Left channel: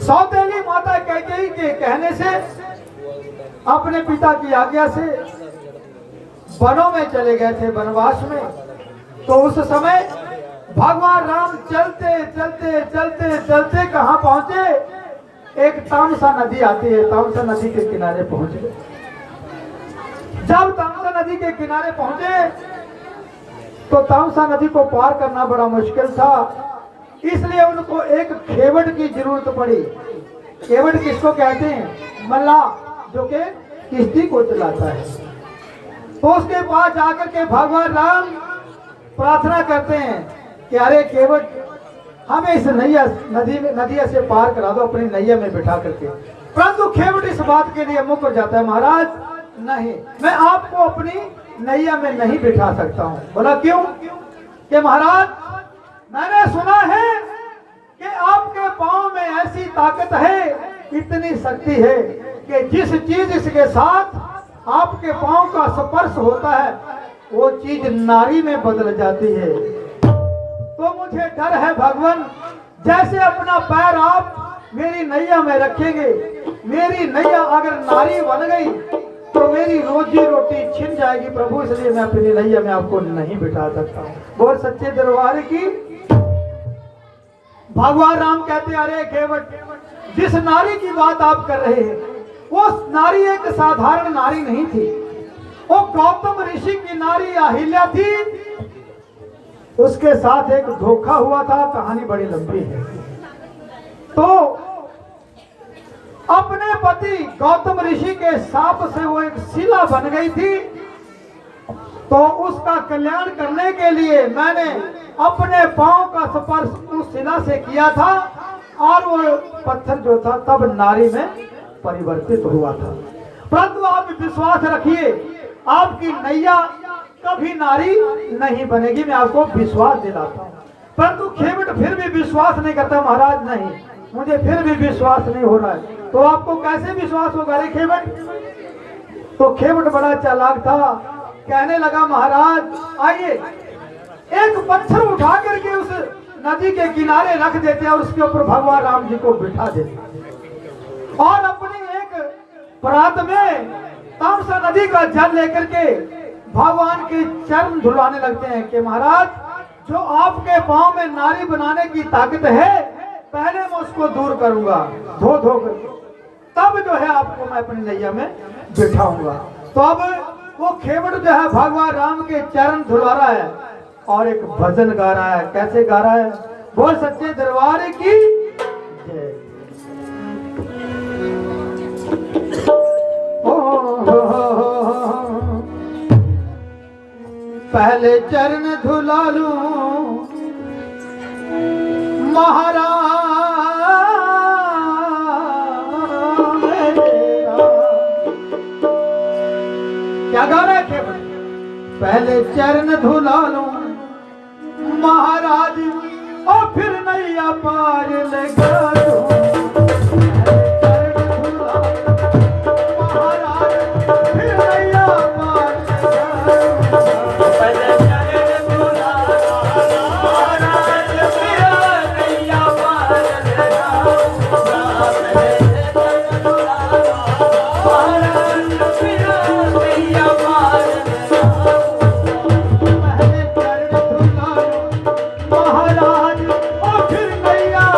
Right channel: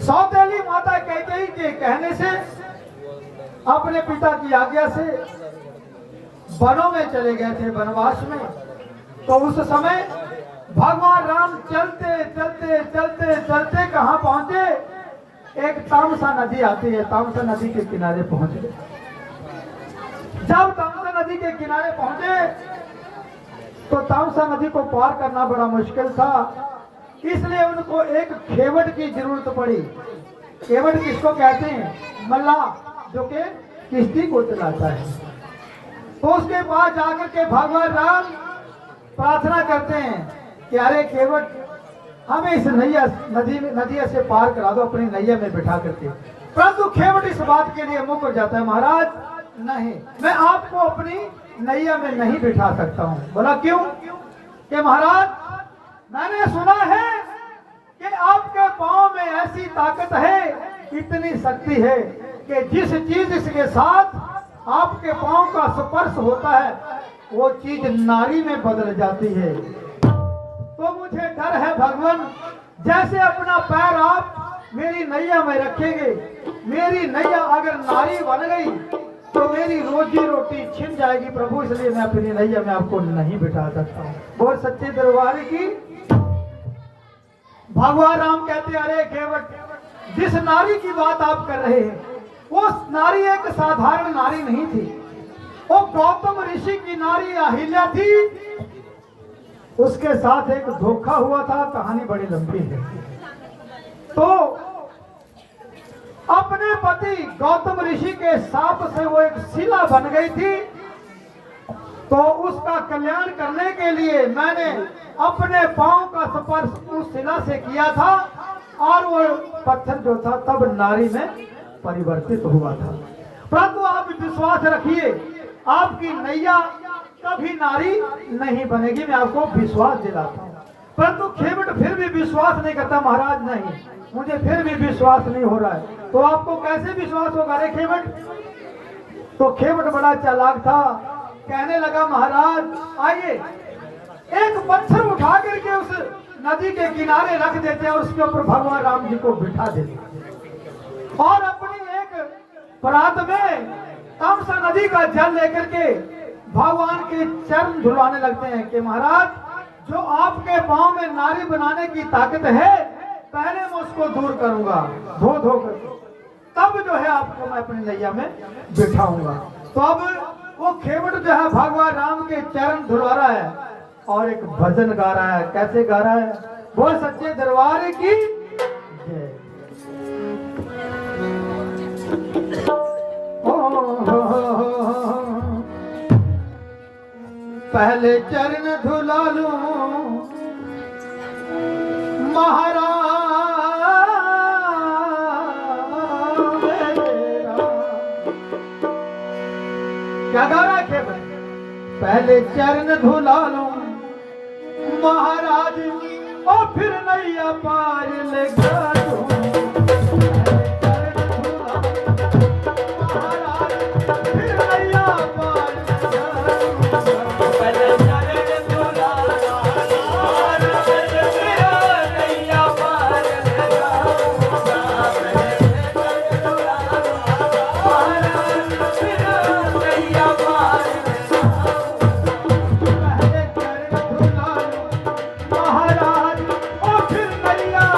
सौतेली माता कैकेयी के कहने से अपने पिता की आज्ञा से वनों में चले गए थे, वनवास में। तो उस समय भगवान राम चलते चलते चलते चलते कहाँ पहुंचे? एक तामसा नदी आती है, तामसा नदी के किनारे पहुंचे। जब तामसा नदी के किनारे पहुंचे तो तामसा नदी को पार करना बड़ा मुश्किल था, इसलिए उनको एक खेवट की जरूरत पड़ी। खेवट किसको कहते हैं? मल्लाह, जो के किश्ती को चलाता है। तो उसके पास जाकर के भगवान राम प्रार्थना करते हैं कि अरे खेवट, हमें इस नदिया से पार करा दो, अपनी नैया में बिठा करके। परंतु खेवट इस बात के लिए मुकर जाता है, महाराज नहीं, मैं आपको अपनी नैया में नहीं बिठा सकता हूँ। बोला क्यों? कि महाराज, मैंने सुना है कि आपके पांव में ऐसी ताकत है, इतनी शक्ति है कि जिस चीज इसके साथ आपके पांव का स्पर्श होता है वो चीज नारी में बदल जाती है। तो मुझे डर है भगवान, जैसे अपना पैर आप मेरी नैया में रखेंगे, मेरी नैया अगर नारी बन गई तो मेरी रोजी रोटी छिन जाएगी प्रभु, इसलिए मैं अपनी नैया में आपको नहीं बिठा सकता हूँ। बोल सच्चे दरबार की। भगवान राम कहते, अरे केवट, जिस नारी की बात आप कर रहे हैं वो नारी एक साधारण नारी नहीं थी, वो गौतम ऋषि की नारी अहिल्या थी। उसके साथ एक धोखा हुआ था, कहानी बड़ी लंबी है। तो अपने पति गौतम ऋषि के शाप से वो एक शिला बन गई थी। तो उसका कल्याण करने के लिए मैंने अपने पांव का स्पर्श उस शिला से किया था और वो पत्थर जो था तब नारी में परिवर्तित हुआ था। परंतु आप विश्वास रखिए, आपकी नैया कभी नारी नहीं बनेगी, मैं आपको विश्वास दिलाता हूँ। परंतु खेवट फिर भी विश्वास नहीं करता, महाराज नहीं, मुझे फिर भी विश्वास नहीं हो रहा है। तो आपको कैसे विश्वास होगा रे खेवट? तो खेवट बड़ा चालाक था, कहने लगा, महाराज आइए, एक पत्थर उठा करके उस नदी के किनारे रख देते और उसके ऊपर भगवान राम जी को बिठा देते और अपनी एक परात में तामसा नदी का जल लेकर के भगवान के चरण धुलाने लगते हैं कि महाराज, जो आपके पांव में नारी बनाने की ताकत है, पहले मैं उसको दूर करूंगा धो धो कर, तब जो है आपको मैं अपनी नैया में बिठाऊंगा। तो अब वो खेवट जो है भगवान राम के चरण धुला रहा है और एक भजन गा रहा है। कैसे गा रहा है? बोल सच्चे दरबार की जय। पहले चरण धुला लूं महाराज मेरा। क्या गा रहा है खेवट? पहले चरण धुला लूं महाराज और फिर नैया पार लगा दूं। पहले चरण धुलाओ महाराज और फिर नैया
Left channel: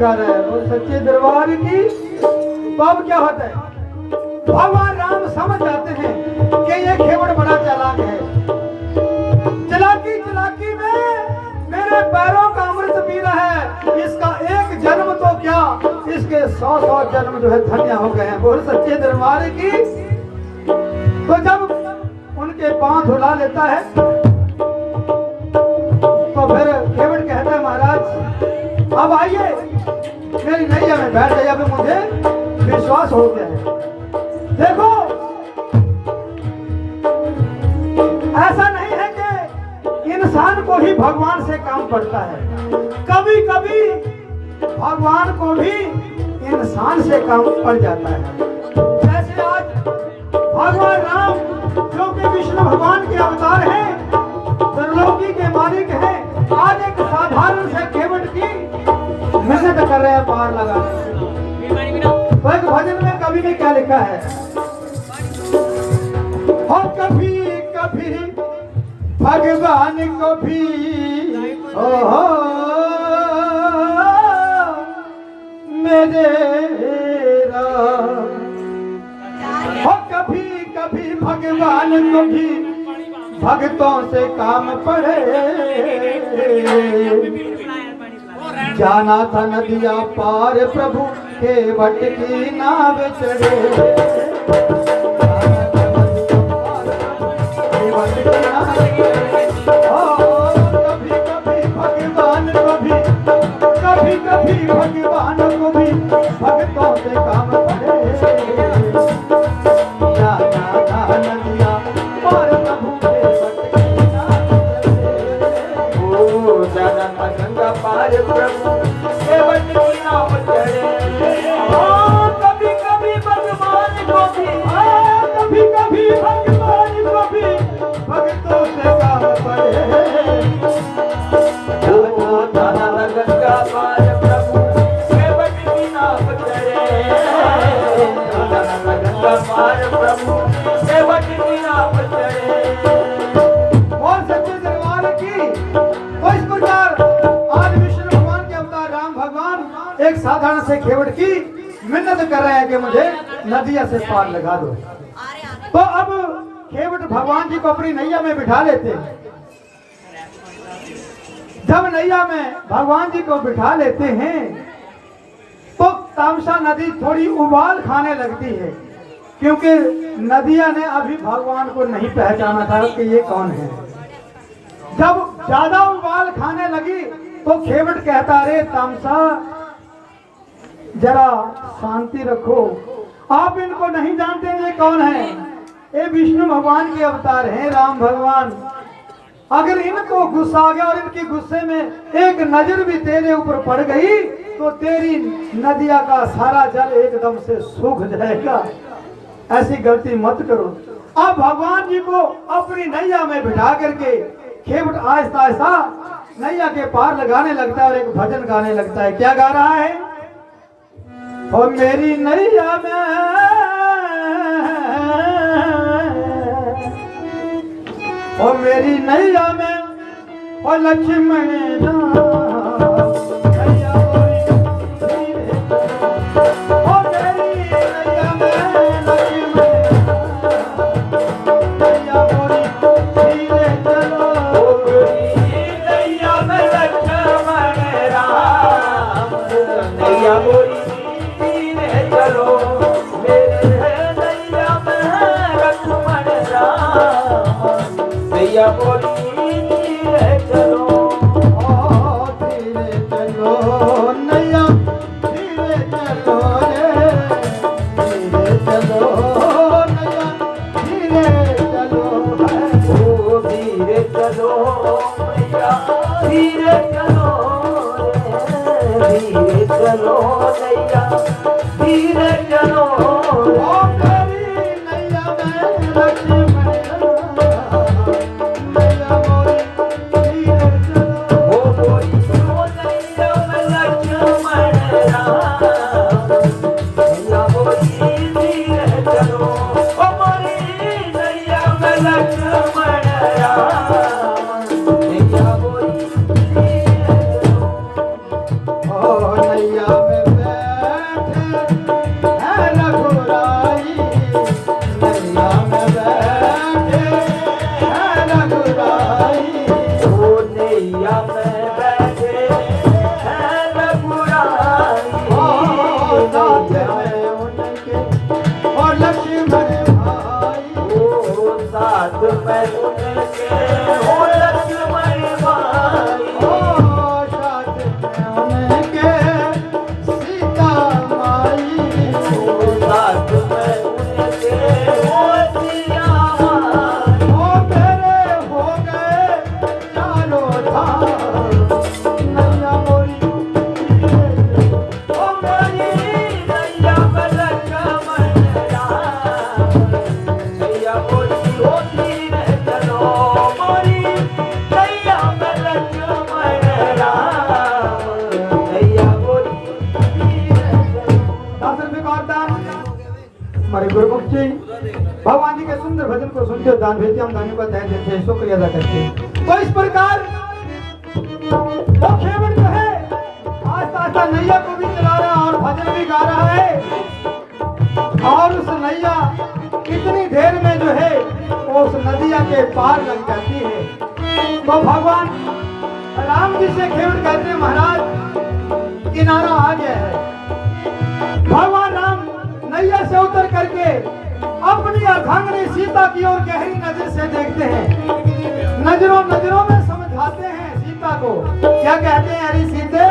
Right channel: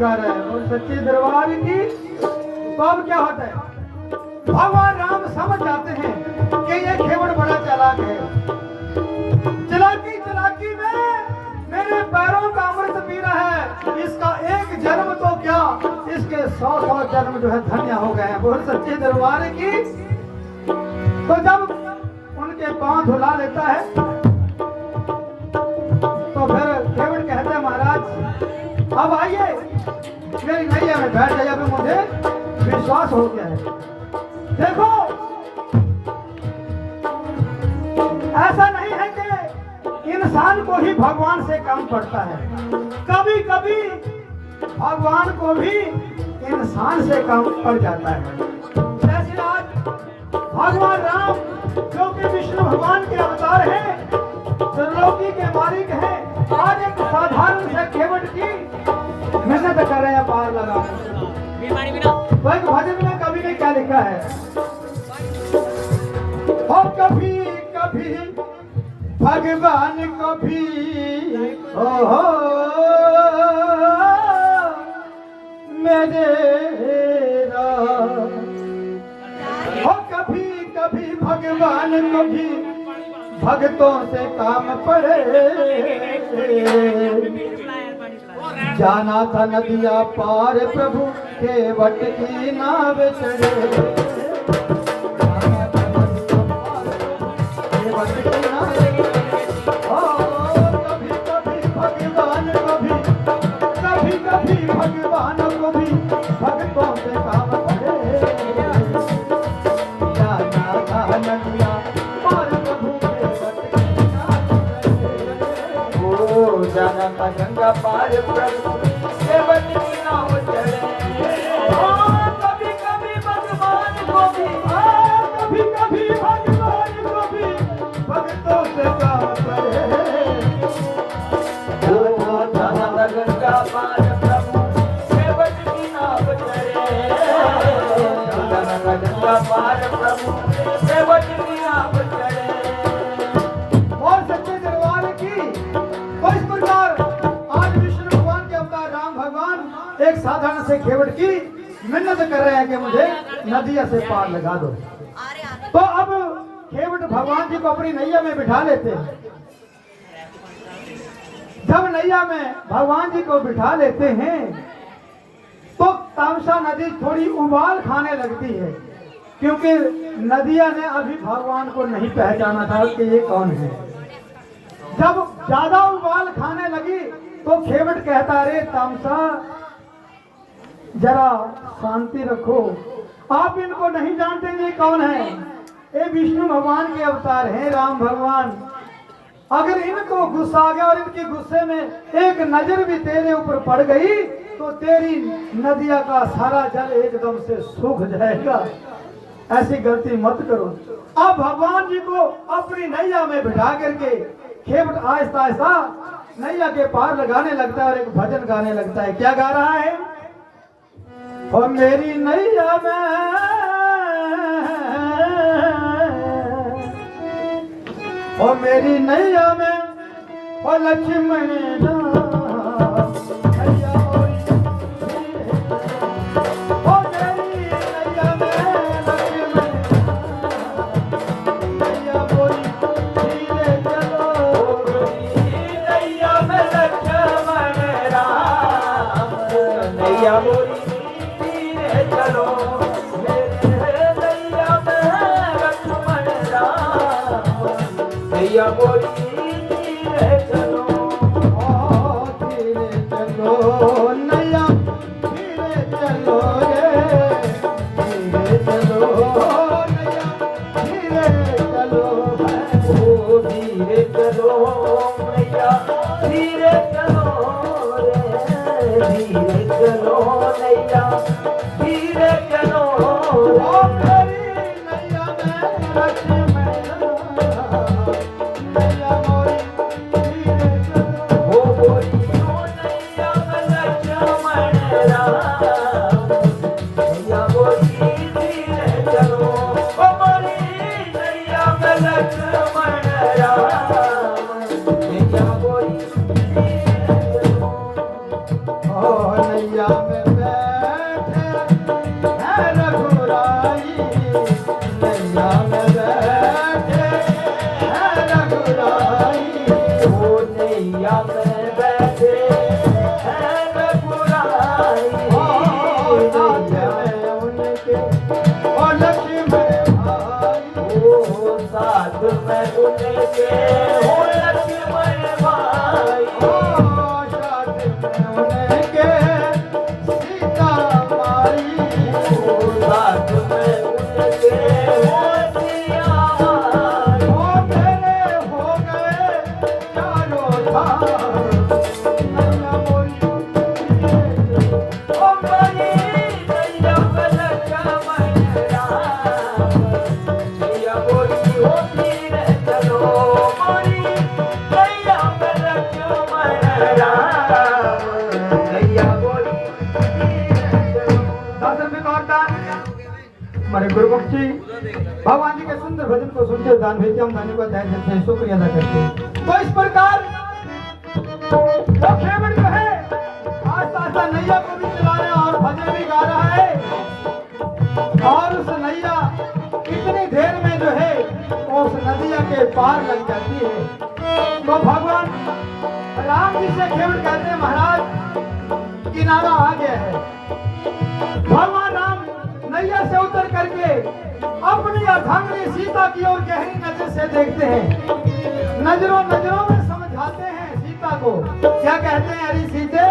गा रहा है, वो सच्चे दरबार की। तो अब क्या होता है, भगवान राम समझ जाते हैं कि ये खेवड़ बड़ा चालाक है। चालाकी चालाकी में मेरे पैरों का अमृत पी रहा है, इसका एक जन्म तो क्या, इसके 100 जन्म जो है धन्य हो गए हैं। बोल सच्चे दरबार की। तो जब उनके पांव धुला लेता है तो फिर खेवड़ कहता है, महाराज अब आइए मेरी नैया में बैठ जाइए, अभी मुझे विश्वास हो गया है। देखो ऐसा नहीं है कि इंसान को ही भगवान से काम पड़ता है, कभी कभी भगवान को भी इंसान से काम पड़ जाता है। जैसे आज भगवान राम जो कि विष्णु भगवान के अवतार हैं, त्रिलोकी के मालिक हैं, आज एक साधारण से खेवड़ की मेहनत कर रहे हैं पार लगाने। एक भजन में कवि ने क्या लिखा है, और कभी कभी भगवान को भी हो मेरे हो, कभी कभी भगवान को भी भक्तों से काम पड़े। जाना था नदिया पार प्रभु के वट की नाव चढ़े। भगवान को भी भक्तों से काम पड़े। जाना था नदिया पार प्रभु के वट की नाव चढ़े। ओ जाना था गंगा पार प्रभु के वट की नाव चढ़े। कभी कभी भगवान को भी, कभी कभी भगवान को भी भक्तों से काम पड़े। जाना था गंगा पार एक साधारण से खेवड़ की मिन्नत कर रहे हैं कि मुझे नदिया से पार लगा दो। तो अब खेवड़ भगवान जी को अपनी नैया में बिठा लेते हैं। जब नैया में भगवान जी को बिठा लेते हैं तो तामसा नदी थोड़ी उबाल खाने लगती है, क्योंकि नदिया ने अभी भगवान को नहीं पहचाना था कि ये कौन है। जब ज्यादा उबाल खाने लगी तो खेवड़ कहता, अरे तामसा जरा शांति रखो, आप इनको नहीं जानते ये कौन है, ये विष्णु भगवान के अवतार हैं, राम भगवान। अगर इनको गुस्सा आ गया और इनकी गुस्से में एक नजर भी तेरे ऊपर पड़ गई तो तेरी नदिया का सारा जल एकदम से सूख जाएगा। ऐसी गलती मत करो। अब भगवान जी को अपनी नैया में बिठा करके खेवड़ आहिस्ता आहिस्ता नैया के पार लगाने लगता है और एक भजन गाने लगता है। क्या गा रहा है, और मेरी नैया में, और मेरी नैया में, और लक्ष्मण हमारे गुरुमुख जी भगवान जी के सुंदर भजन को सुनते दान भेजते हम दानी को तय देते हैं, शुक्रिया अदा करते हैं। तो इस प्रकार वो खेवड़ जो है आस्ता आस्ता नैया को भी चला रहा है और भजन भी गा रहा है और उस नैया इतनी देर में जो है वो उस नदिया के पार लग जाती है। तो भगवान राम जी से खेवड़ कहते हैं महाराज किनारा आ गया है। भगवान राम नैया से उतर करके अपनी अर्धांगिनी सीता की ओर गहरी नजर से देखते हैं, नजरों नजरों में समझाते हैं सीता को। क्या कहते हैं? अरे सीते,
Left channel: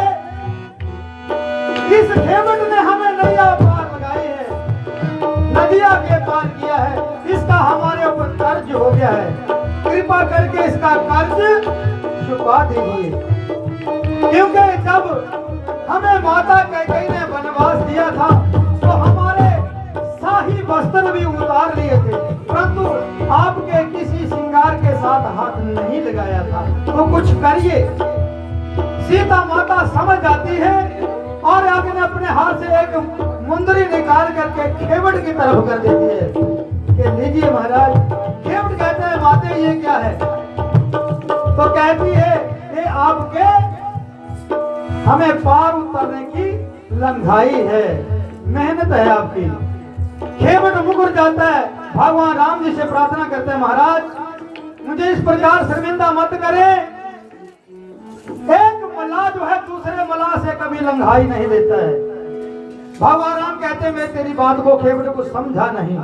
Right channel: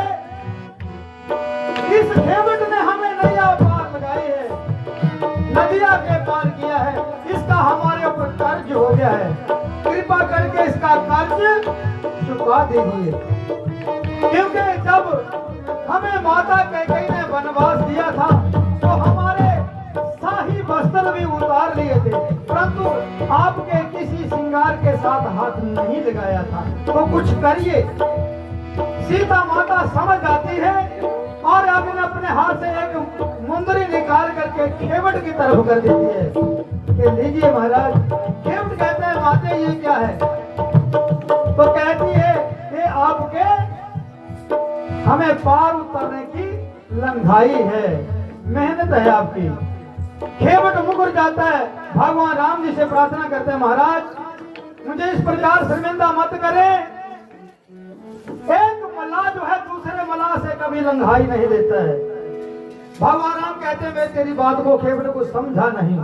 इस खेवट ने हमें नैया पार लगाई है, नदिया के पार किया है, इसका हमारे ऊपर कर्ज हो गया है, कृपा करके इसका कर्ज चुका दीजिए। क्योंकि जब हमें माता कैकेयी ने वनवास दिया था तो हमारे शाही वस्त्र भी उतार लिए थे, परंतु आपके किसी श्रृंगार के साथ हाथ नहीं लगाया था। तो कुछ करिए। सीता माता समझ जाती है और अग्नि अपने हाथ से एक मुंदरी निकाल करके खेवड़ की तरफ कर देती है कि लीजिए महाराज। खेवड़ कहते हैं माते ये क्या है? तो कहती है ये आपके हमें पार उतरने की लंघाई है, मेहनत है आपकी। खेवट मुकर जाता है, भगवान राम जी से प्रार्थना करते हैं महाराज मुझे इस प्रकार शर्मिंदा मत करें। एक मल्लाह जो है दूसरे मल्लाह से कभी लंघाई नहीं देता है। भगवान राम कहते हैं मैं तेरी बात को खेवट को समझा नहीं।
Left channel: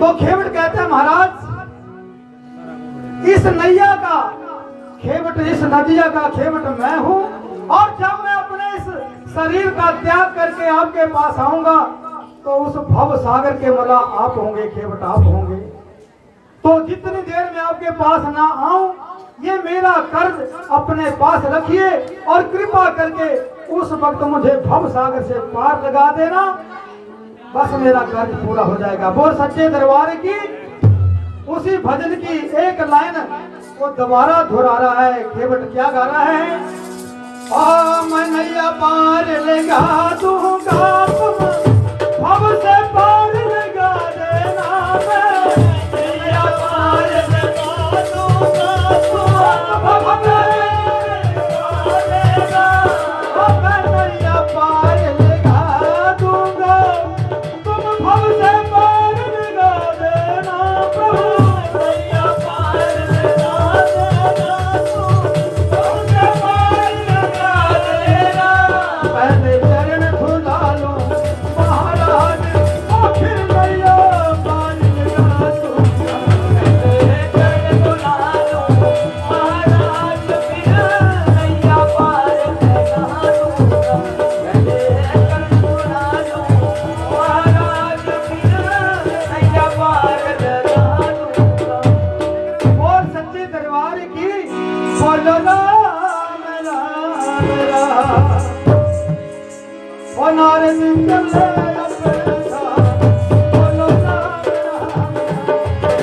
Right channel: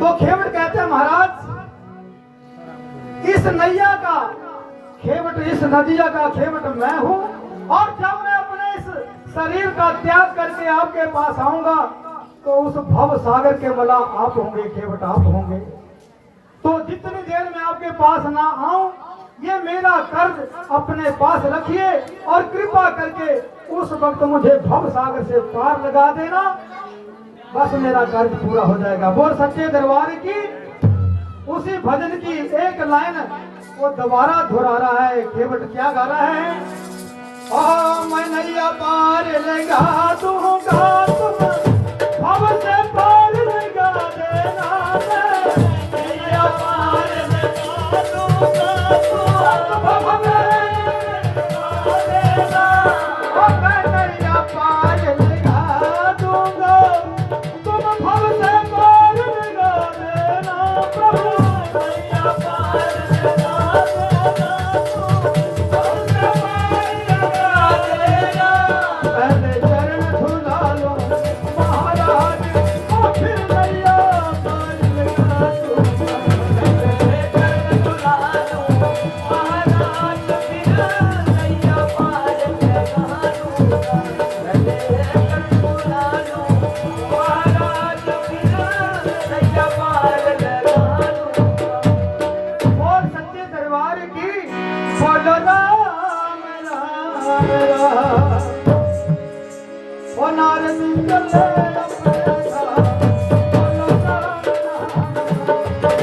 तो खेवट कहते हैं महाराज इस नैया का खेवट, इस नदिया का खेवट मैं हूं और जब मैं अपने इस शरीर का त्याग करके आपके पास आऊंगा तो उस भव सागर के मला आप होंगे, खेवट आप होंगे। तो जितनी देर में आपके पास ना आऊं ये मेरा कर्ज अपने पास रखिए और कृपा करके उस वक्त मुझे भव सागर से पार लगा देना, बस मेरा कर्ज पूरा हो जाएगा। बोल सच्चे दरबार की। उसी भजन की एक लाइन को दोबारा दोहरा रहा है। खेवट क्या गा रहा है? ओ मैं नैया पार लगा दूंगा तुम भव से पार लगा देना, नैया पार लगा दूंगा तुम भव से पार लगा, मैं नैया पार लगा दूंगा तुम भव से पार लगा देना, प्रभु नैया पार लगा देना तुम भव से पहले चरण धुला लो महाराज और फिर नैया पार लगा दूंगा। पहले चरण धुला लो महाराज फिर नैया पार लगा दूंगा। पहले चरण धुला लो महाराज फिर नैया पार लगा दूंगा। और सच्चे दरबार की बोलो राम राम राम। ओ नारद चले अपने धाम, बोलो राम राम राम।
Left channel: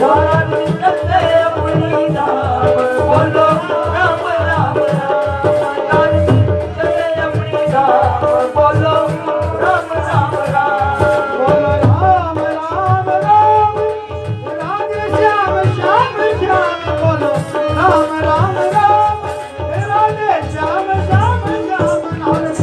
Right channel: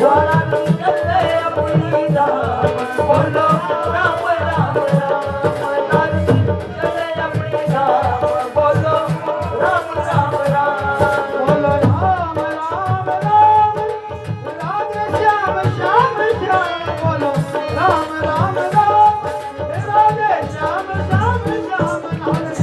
नारद चले अपनी धाम, बोलो राम राम राम। नारद चले अपनी धाम, बोलो राम राम राम। बोलो राम राम राम। राधे श्याम श्याम श्याम, बोलो राम राम राम। राधे श्याम श्याम श्याम। नारद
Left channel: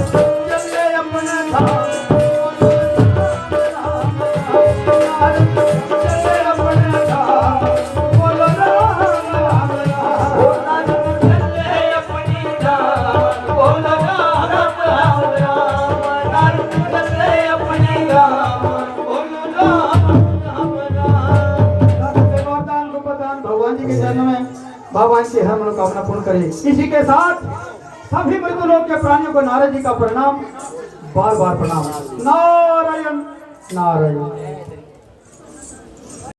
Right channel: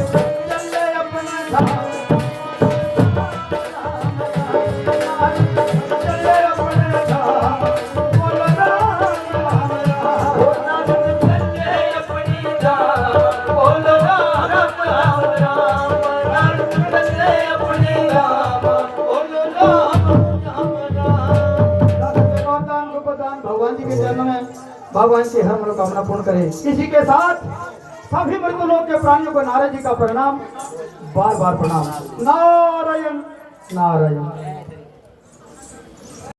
बाबा इनकी हर मनोकामना पूर्ण करे। इसी के साथ सभी मृतलोक के प्राणियों को नारद जी का प्रणाम, बार बार प्रणाम। नारायण नारायण।